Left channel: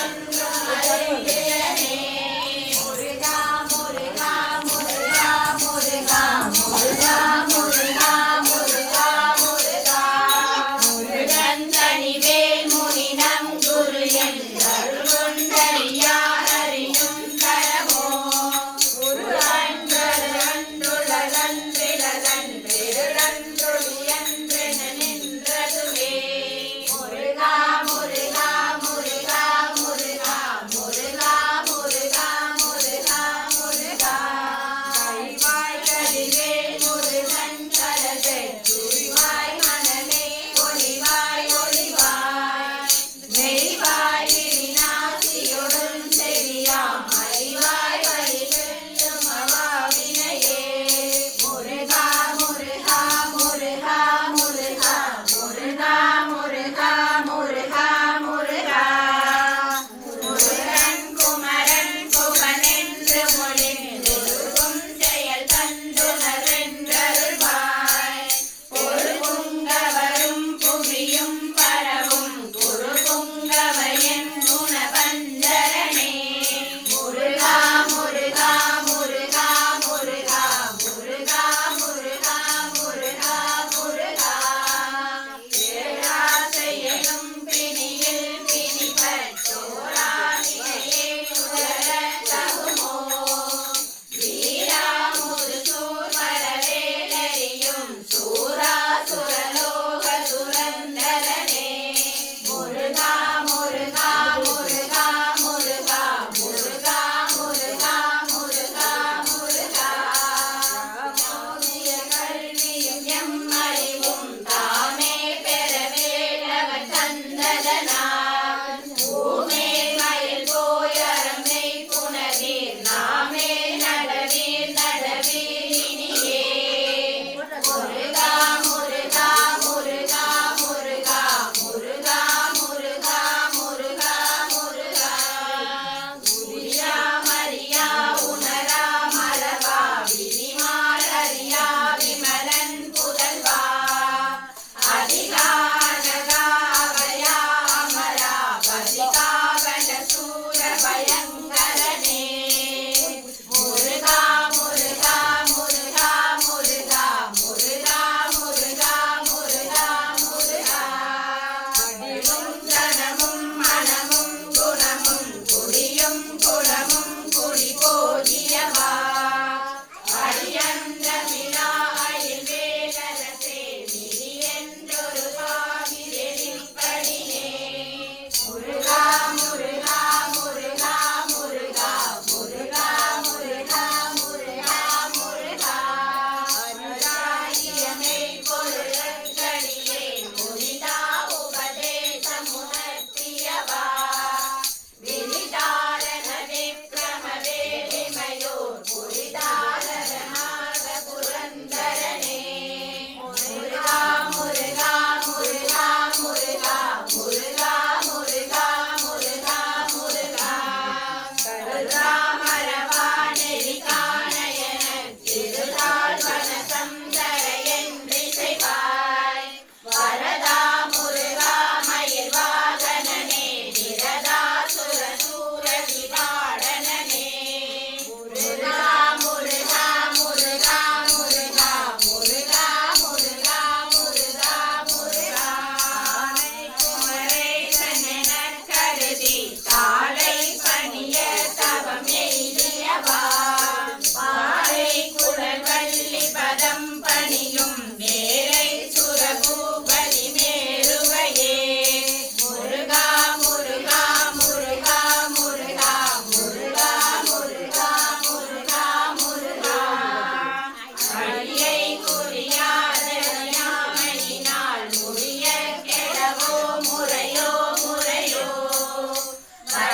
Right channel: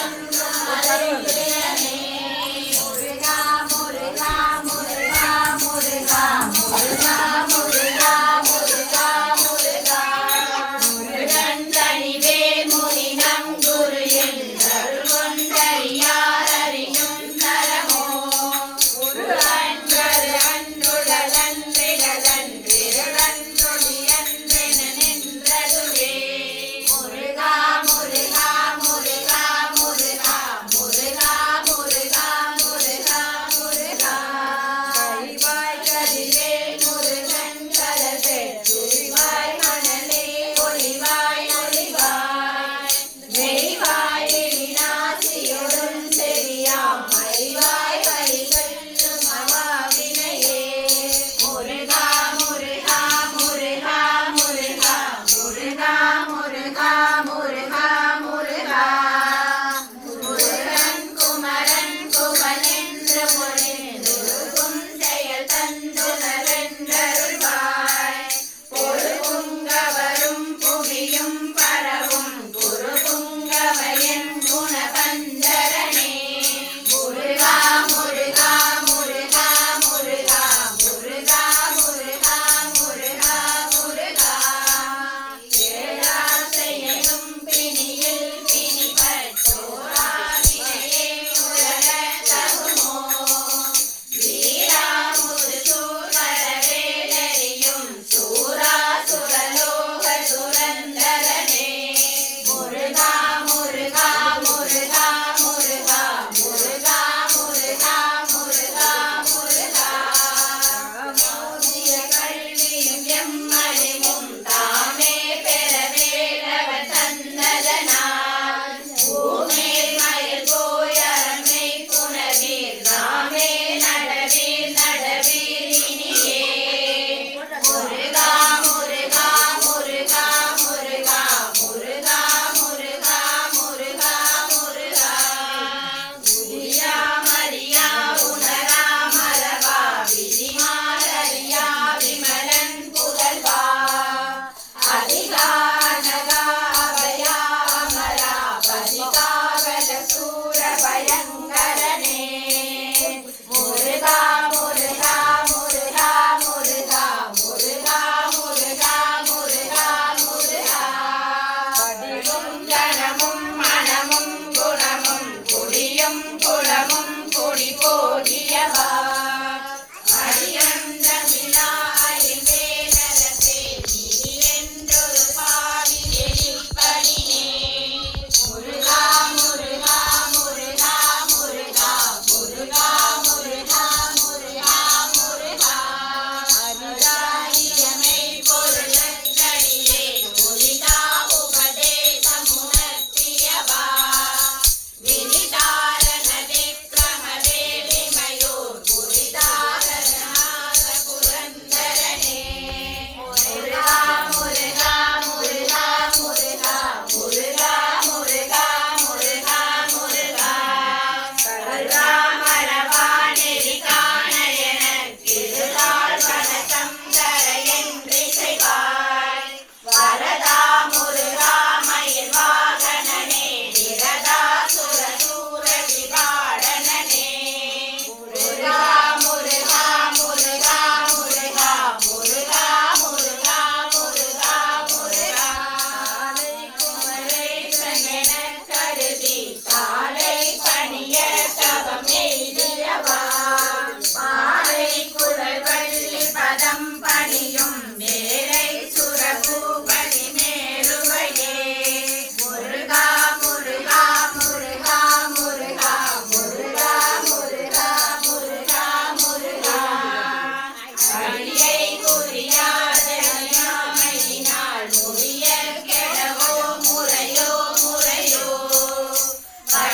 I'm